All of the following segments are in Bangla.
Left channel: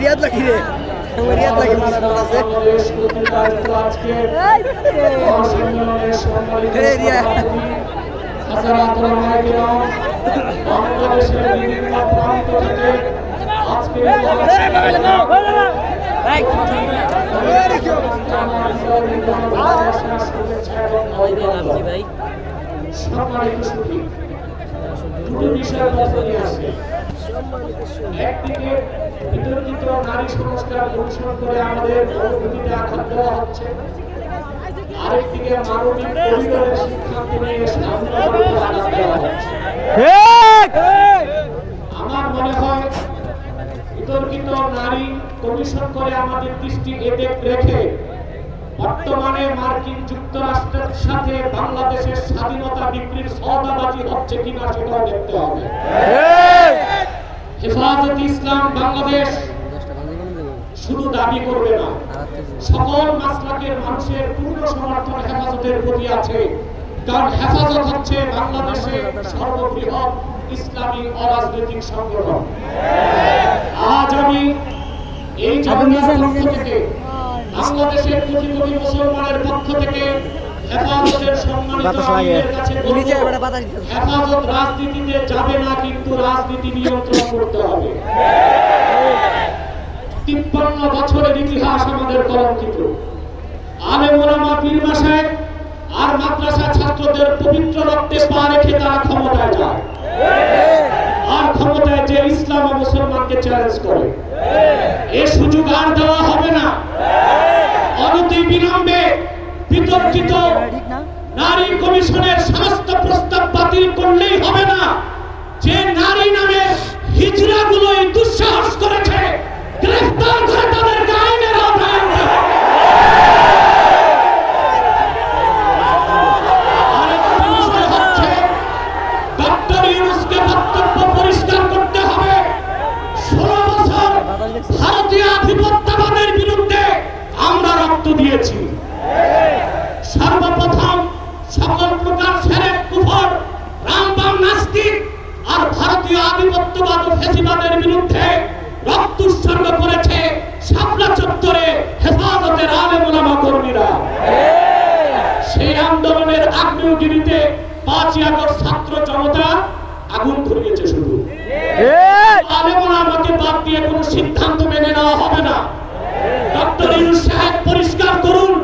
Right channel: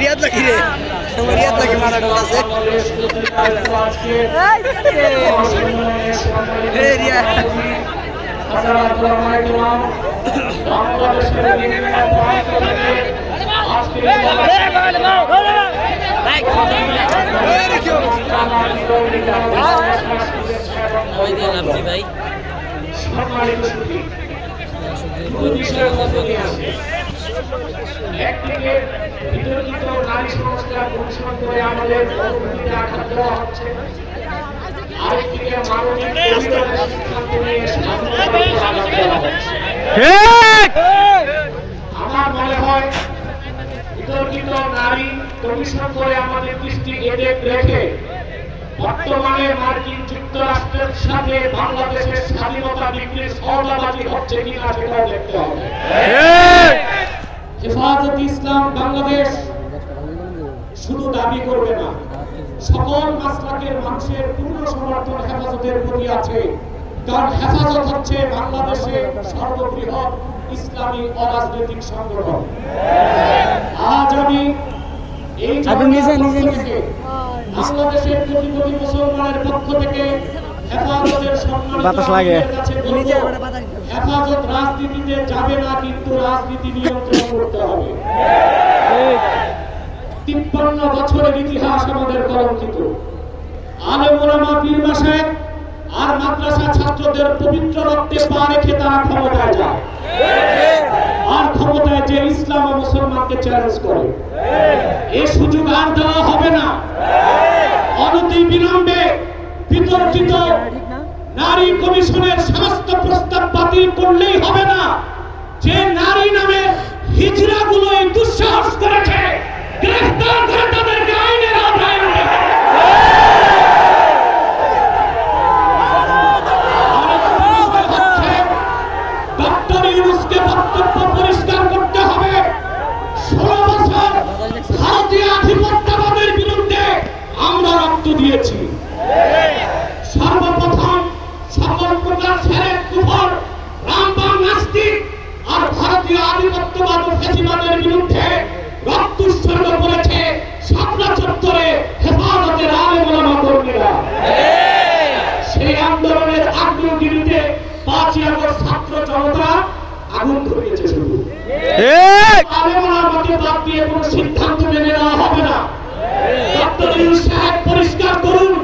রিয়াদ লাগি রে রিয়াদ লাগি মারাটা আছে রিয়াদ ভাই একদিকে বিতর্কিত নারী সংস্কার অনুসরণ করে আমাদের অর্থনীতিতে আঘাত দেওয়া হচ্ছে, আরেকদিকে মানবিক পরিবারের সিদ্ধান্ত নিয়ে স্বাধীনতাকে আঘাত দেওয়া হচ্ছে। আমার মনে হয় বিতর্কিত নারী কমিশন করে আমাদের দৃষ্টি এতে রেখে বর্তমানে মার্কিন যুক্তরাষ্ট্রের সাথে বাংলাদেশের স্বাধীনতা বিক্রির সওদাবাজি হচ্ছে কিনা সেটাও দেখতে হবে। হেফাজতে ইসলাম বাংলাদেশ শুধু দাবি করবে না, সকল মাসলাকের মানুষের পূর্ণ সমর্থন হেফাজতের প্রতি আছে, কারণ হেফাজত হচ্ছে বাংলাদেশের সর্ববৃহৎ ইসলামী অরাজনৈতিক সংগঠন। আজ আমি এই থেকে বাংলাদেশের কোটি কোটি মুসলমানের পক্ষ থেকে হেফাজতের হেফাজত রাজনীতিতে যাবে না, কিন্তু রাজনীতি নিয়ন্ত্রণ করতে হবে। 53 বছরের ইতিহাস আমাদের কলঙ্কিত। আলেম ওলামা পীর মাশায়েখ আর মাদ্রাসা ছাত্রদের পবিত্র রক্তে পা রেখে তারা ক্ষমতায় যায়, আর ক্ষমতায় যে ইসলাম ও মুসলমানকে চ্যালেঞ্জ করে। এই সুযোগ আর দেওয়া হবে না। অনতি বিলম্বে বিতর্কিত নারী কমিশনের সমস্ত প্রস্তাব বাতিল করলেই হবে না। যে নারী নামে হিজড়াগুলোই দুঃসাহস করেছে, গ্রেফতার করে তাদেরকে আইনের আওতায় আনতে হবে। ডক্টর ইউনূসকে বক্তব্য পরিষ্কার করতে হবে। 16 বছর ভারতীয় আধিপত্যবাদের বিরুদ্ধে আমরা রক্ত দিয়েছি। সর্বপ্রথম সকল প্রকার সেরেক কুফর রামবাম নাস্তিক আর ভারতীয় আধিপত্যবাদ ও ফ্যাসিবাদের বিরুদ্ধে রক্ত উৎসর্গ করেছে শাপলা চত্বরে হেফাজতের আলেম ওলামা কর্মীরা। সেই আন্দোলনের আগ্নেয়গিরিতে 5ই আগস্ট ছাত্র জনতা আগুন ধরিয়েছে। শুধু আলেম ওলামাকে বাদ দিয়ে কোনো সিদ্ধান্ত মেনে নেওয়া হবে না। ডক্টর ইউনূস সাহেব পরিষ্কার করুন,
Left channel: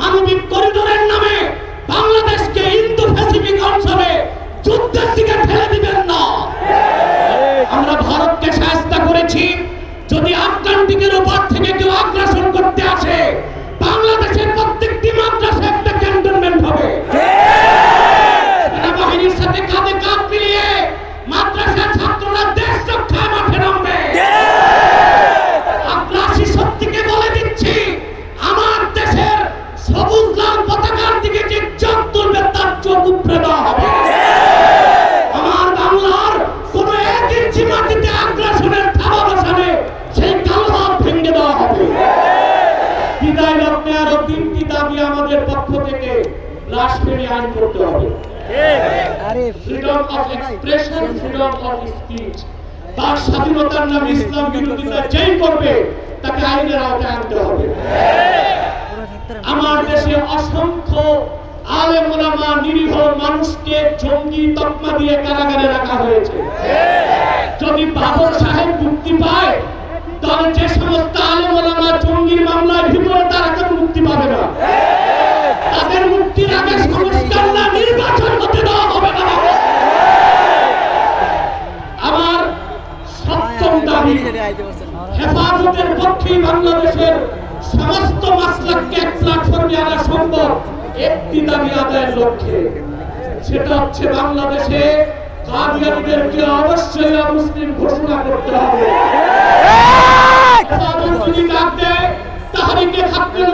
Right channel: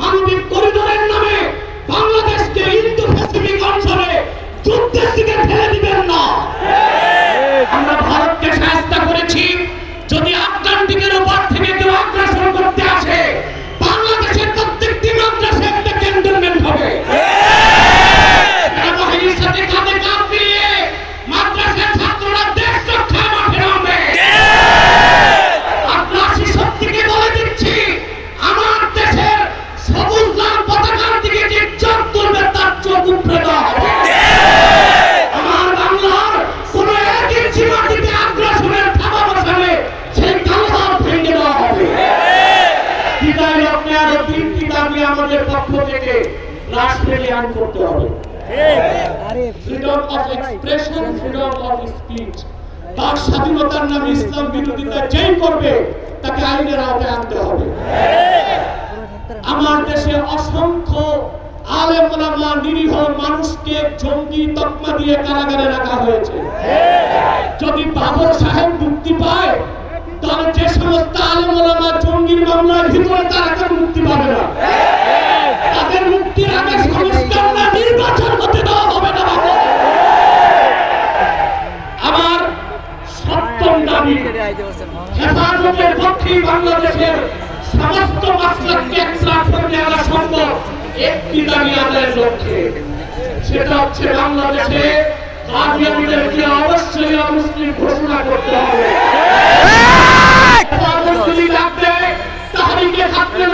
মানবিক করিডোরের নামে বাংলাদেশকে ইন্দো প্যাসিফিক অঞ্চলে যুদ্ধের দিকে ঠেলে দিবেন না। আমরা ভারতকে সাহায্য করেছি, যদি আটলান্টিকের উপর থেকে কেউ আগ্রাসন করতে আসে বাংলাদেশের প্রত্যেকটি মাদ্রাসা ক্যান্টনমেন্ট হবে। সেনাবাহিনীর সাথে কাঁধে কাঁধ মিলিয়ে মাদ্রাসার ছাত্ররা দেশ রক্ষায় মাঠে নামবে। আগ্রাসী শক্তিকে বলে দিচ্ছি, আমার দেশের সবুজ লাল পতাকার দিকে যে চোখ তুলবে তার চোখ উপড়ে দেওয়া হবে। আমার বাংলার কোন এক ইঞ্চি মাটিতে আগ্রাসনের থাবা বসালে সেই কালো ভাব ভেঙে দেওয়া হবে। বিদায় লগ্নে আরো 3টি দাবি আমাদের পক্ষ থেকে রাষ্ট্রীয় আইন করতে হবে। Freedom of expression, freedom of speech. তার স্বাধীনতার নামে ইসলাম বিরোধিতা যেই করবে তাকে আইনের আওতায় আনতে হবে। আমার দেশে অসংখ্য আলেম ওলামা নিরীহ মানুষকে জঙ্গি তকমা দিয়ে কারাগারে রাখা হয়েছে। যদি বাবর সাহেব মুক্তি পায় তাহলে যে সমস্ত আলেম ওলামা জঙ্গির মামলায় ভিতরে তারা কেউ মুক্তি পাবে না। তাদের মুক্তির আগে সংস্কার না নির্বাচন হতে দেওয়া হবে না। আমার 7ম দাবি, হেফাজতের পক্ষে বাংলাদেশের সমস্ত মাসলাককে এক প্ল্যাটফর্মে আনা সম্ভব একটি দাবি আদায়ের লক্ষ্যে। সেটা হচ্ছে বাংলাদেশে কাদিয়ানীদেরকে অবশ্যই মুসলিম ঘোষণা করতে হবে। তাহরিকে হাক্কুল